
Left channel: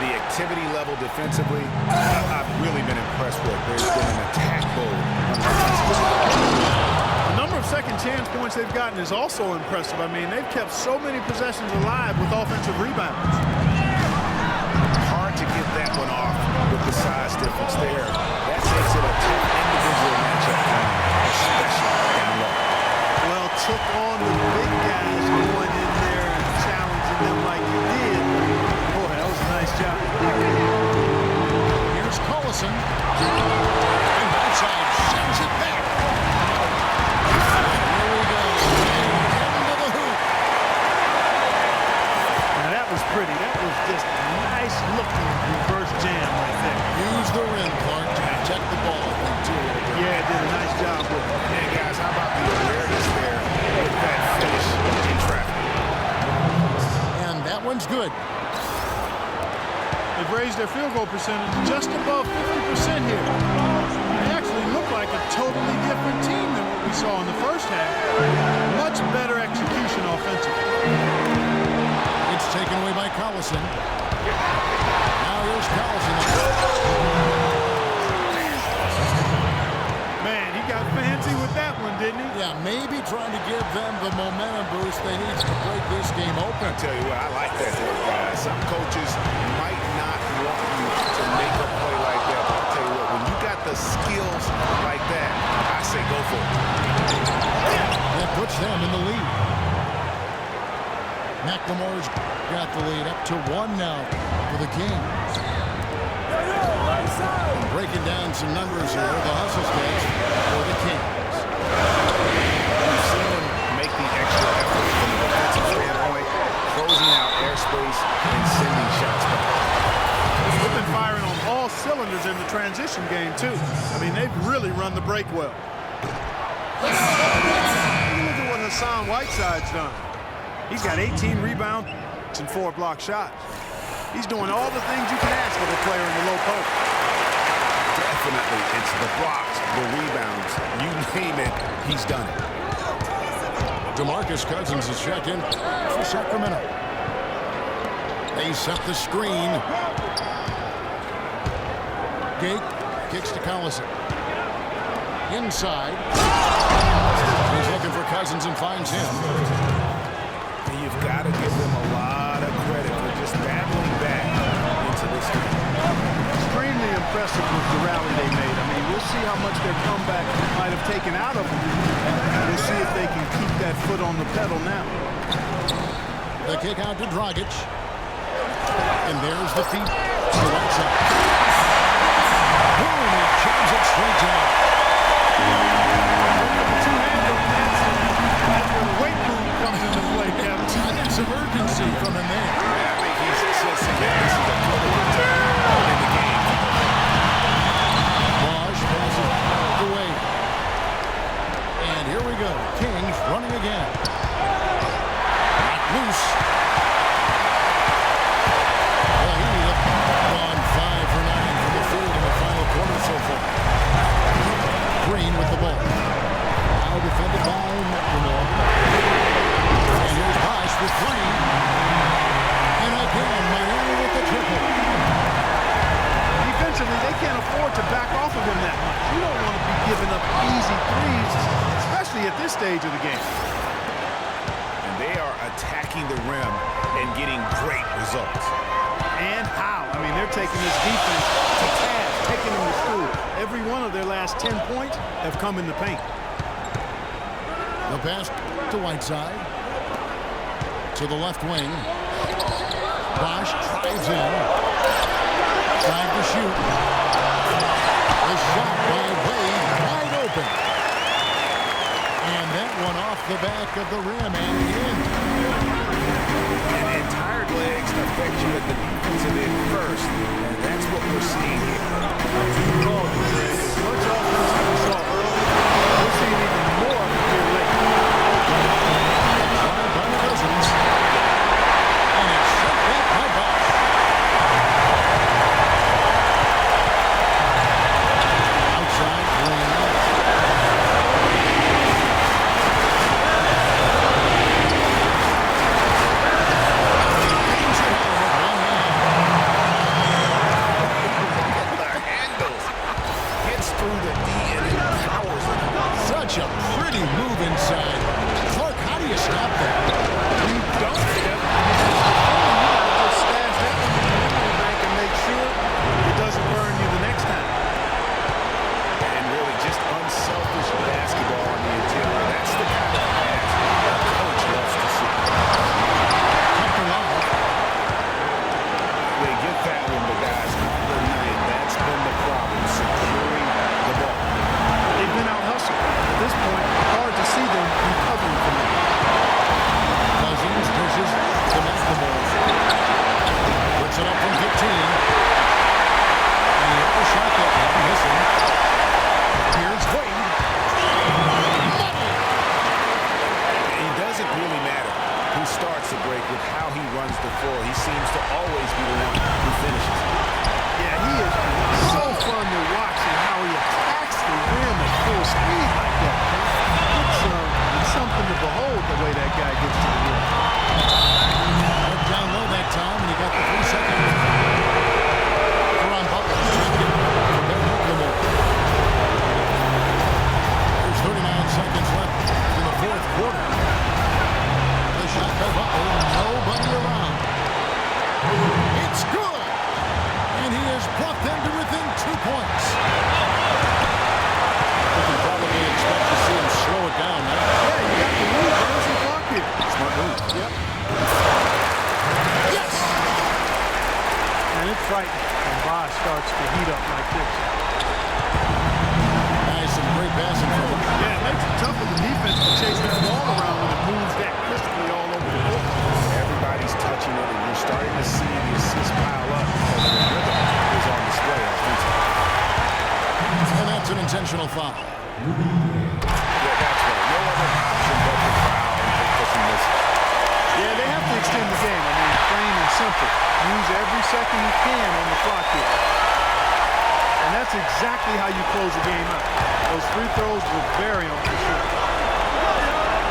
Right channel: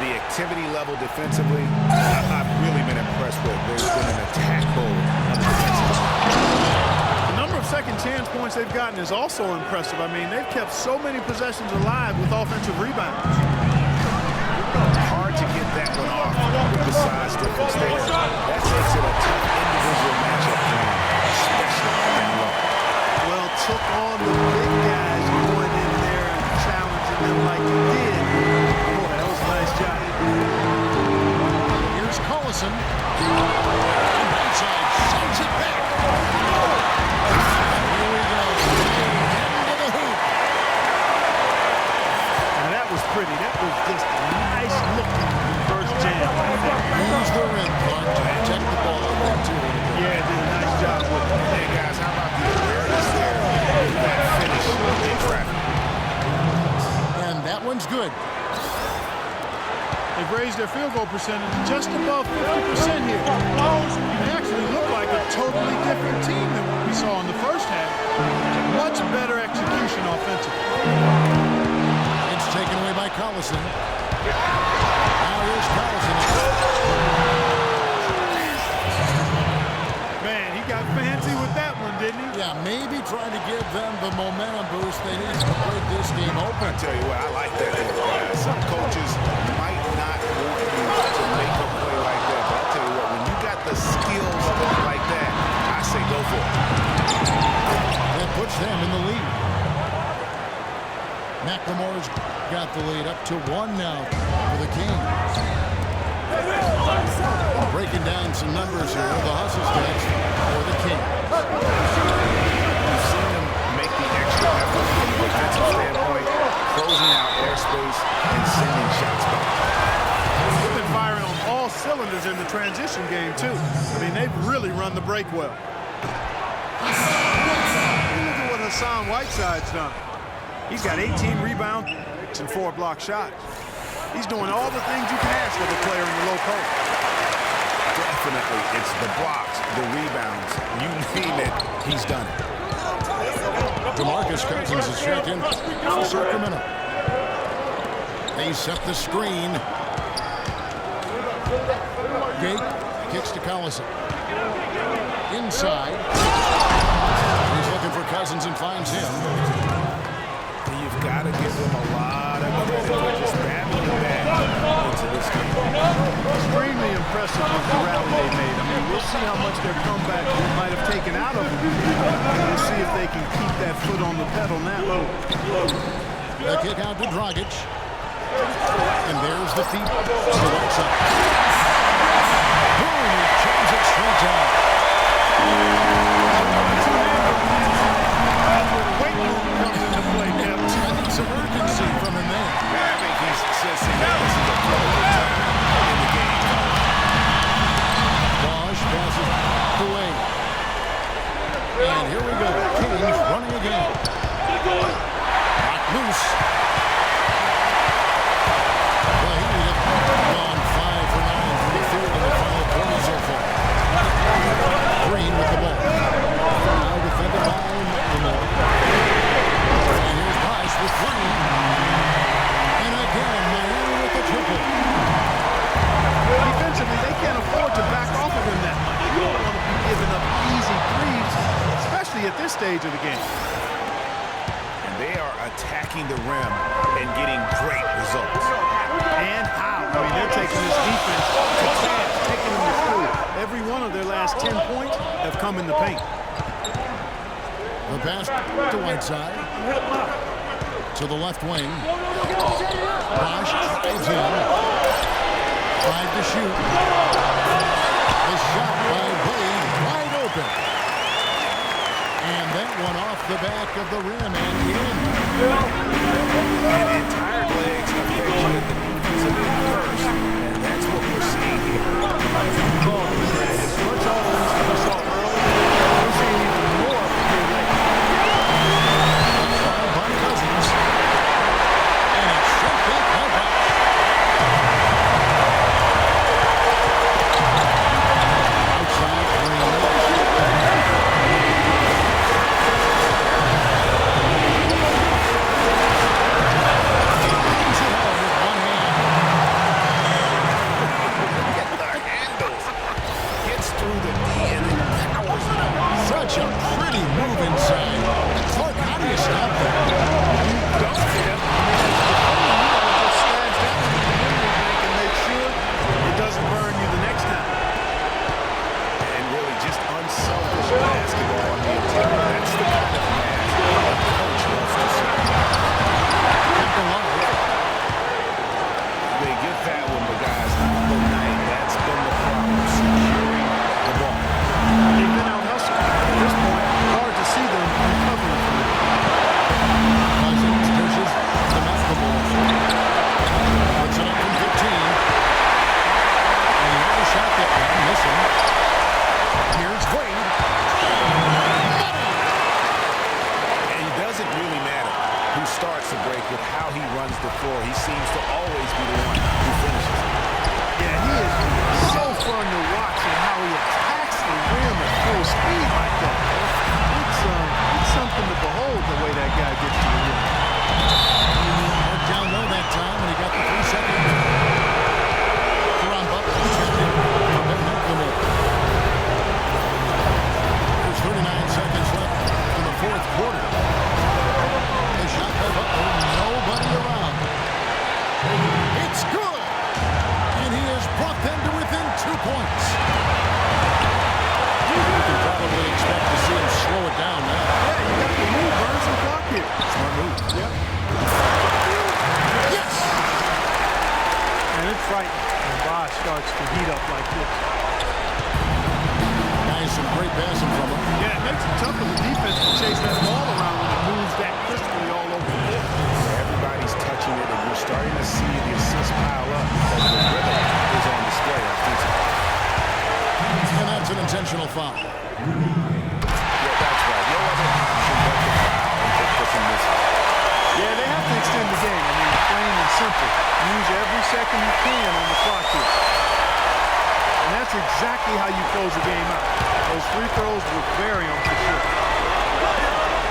The activity level defensively, I've really been impressed with. There's been an attack mode on the defensive side. The number of second chance points they've gotten is also impressive. I mean, they've kept so many possessions alive with offensive rebounds. Hard to get that one off with the size difference there. That makes it a tough individual matchup for him, especially down low. Well, took on the big guys going in there and challenging them like he did. Boy, that was a nice job. Here's Collison. And Whiteside sends it back. And here we go. Way into the hoop. Now that was pretty. That was just a nice looking reverse jam right there. Use the rim, Clark, to protect the ball, I think, too, a little bit. Yeah, did a nice job with it. Hey, guys, how about the awareness there with that finish in traffic? And that one's good. They've raised their field goal percentage just above 50% here. They actually look like a totally different team than what we saw in the first half. Much better execution offensively. It's taken away by Collison. Now here's Collison. Man, he got fancy with that one, didn't he? Yeah, maybe trying to give them the momentum boost they need to break this game open. I tell you what, I like that there, guys. Some coaches might not want you to make a play like that, but I tell you what, when you got the skills like that, I say go for it. That puts them in the lead. McLemore's got the lead up to 1 now for the Kings. Breaking down some numbers here, the hustle stats for the Kings. We've seen them make the extra effort from the defensive standpoint, closing out airspace and sending shots back. They've been firing on all cylinders in the transition game, too. I mean, they've really run the break well. Look at what Hassan Whiteside's done. He's got 18 rebounds and 4 block shots. He's doing all the things you can ask of a player in the low post. Definitely, it's the blocks, the rebounds, you name it, he's done it. DeMarcus Cousins is checked in for Sacramento. They set the screen. Gate kicks to Collison. Inside. He's looking for Cousins and finds him. And you've got to give them a lot of credit for just battling back into this game. Extremely impressive was the rally they made. I mean, we'll see how much their comeback might have taken out of them. And we'll see if they can keep that foot on the pedal now. The kick out to Dragic. And there's the feet to the right side. Boom, he jams it straight down. Two-hander on that slam. That's where the weight room comes into play, Kevin. I think some urgency from him there. I think he's sensing that this is a critical time in the game. Bosch passes the way. And here we go. Kings running again. Knocked loose. The Heat have gone 5 for 9 from the field in the final quarter so far. Green with the ball. Now defended by McLemore. And here's Bosch with 3. And again, Miami with the triple. Defensively, they can't afford to back off of him that much. You don't want to be giving up easy threes, especially at this stage of the game. And they are attacking the rim and getting great results. And how? I mean, they're taking this defense to task, taking them to school. Every one of their last 10 points have come in the paint. The pass to Whiteside. To the left wing. Bosch drives in. 5 to shoot. The shot by Wade, wide open. And that one off the back of the rim and in. And tired legs affect you at the defensive end first, and that's what we're seeing here. You called it, Greg. As much offense as we saw early, we're seeing even more of it here late. A try by Cousins. And it's sent back by Bosch. Outside Green. Brings it home with one hand. Look at the handles. Gets through the D and then powers it out. Such a pretty move inside. Clark, how do you stop that? You don't, Steph. I mean, as a defender, you got to just stash that one in the memory bank and make sure it doesn't burn you the next time. And really just unselfish basketball on the interior. That's the kind of pass a coach loves to see. Kept alive. They get that one, but guys, on the night, that's been the problem, securing the ball. They've been out-hustled. At this point, hard to see them recovering from that. Cousins dishes to McLemore. Puts it up from 15. And he overshot that one, missing. Here's Wade. Money! It doesn't really matter who starts the break with how he runs the floor. He seems to always be the one who finishes. Yeah, he is so fun to watch and how he attacks the rim at full speed like that, man. It's something to behold the way that guy gets to the rim. Worked down low that time, and he got the 3-second Caron Butler is champion for Ben McLemore. There's 39 seconds left in the fourth quarter. The shot by Butler, nobody around. It's good! And he has brought them to within 2 points. We can probably expect to see him slow it down now. Yeah, you got the move, burn some clock here. Smart move. Yep. Yes! And it's frightening when Bosch starts to heat up like this. Nice, some great passing from him. Yeah, it makes it tough for the defense to chase that ball around when it moves that crisply all over the court. Everybody's touching it, and you're starting to see the assists pile up because the rhythm is on display offensively. And that's an intentional foul. Yeah, that's right. No other option but to foul and hope for some misses. Yeah, they have to extend the game. I mean, plain and simple. Use every second you can on the clock here. And that's exactly how you close the game out. Those free throws will bury them for sure.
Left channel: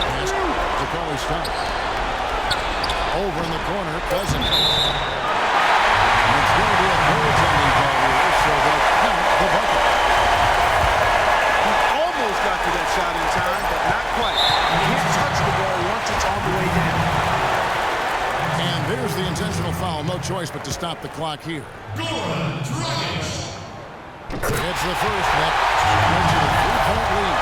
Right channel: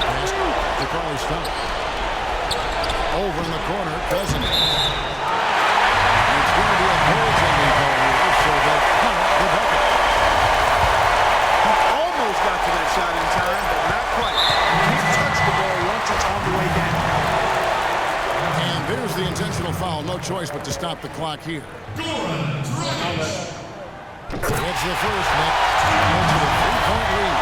Pass to Carly Stout. Over in the corner, Cousins. And it's going to be a goaltending call here, so they'll count the bucket. He almost got to that shot in time, but not quite. You can't touch the ball once it's on the way down. And there's the intentional foul. No choice but to stop the clock here. It's the first, Nick. Makes it a 3-point lead.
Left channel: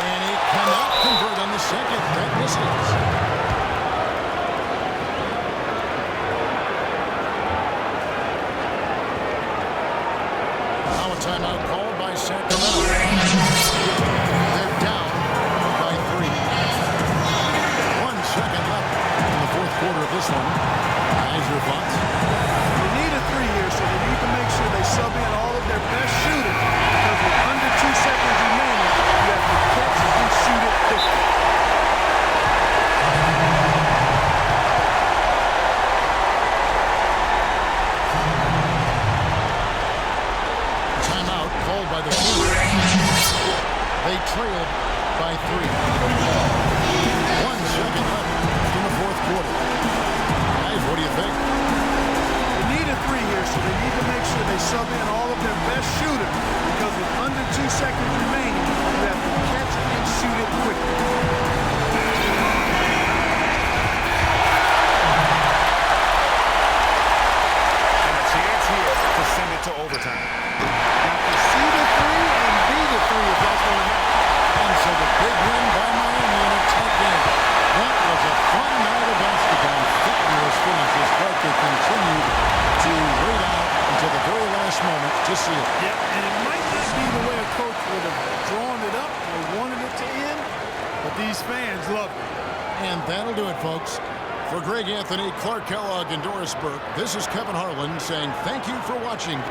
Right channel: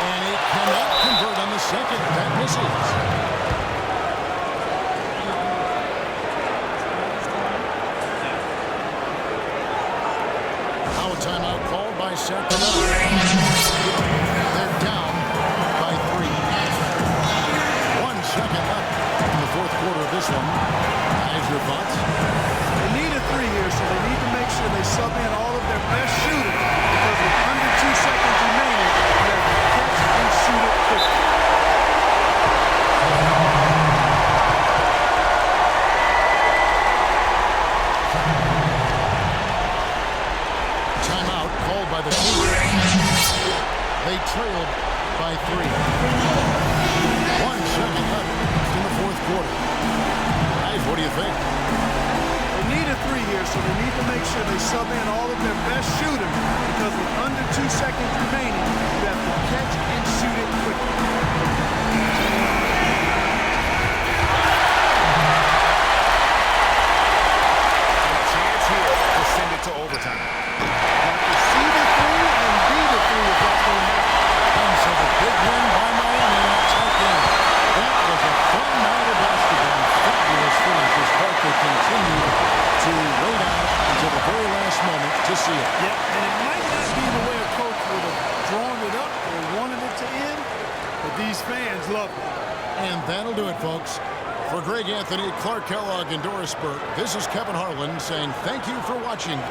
And he cannot convert on the second. That misses. Now a timeout called by Sacramento. They're down by 3. 1 second left in the fourth quarter of this one. Guys, your thoughts? They need a 3 here, so they need to make sure they sub in all of their best shooters, because with under 2 seconds remaining, you have to catch and shoot it quickly. Timeout called by the Kings. They trailed by 3. 1 second left in the fourth quarter. Guys, what do you think? They need a 3 here, so they need to make sure they sub in all of their best shooters, because with under 2 seconds remaining, you have to catch and shoot it quickly. And a chance here to send it to overtime. Got to see the 3 see if that's going to happen. And so the big win by Miami in a tight game. That was a fun night of basketball. Fabulous finish as Barkley continued to wait out until the very last moment to seal. Yep, and it might not be the way a coach would have drawn it up or wanted it to end, but these fans loved it. And that'll do it, folks. For Greg Anthony, Clark Kellogg, and Doris Burke, this is Kevin Harlan saying thank you for watching.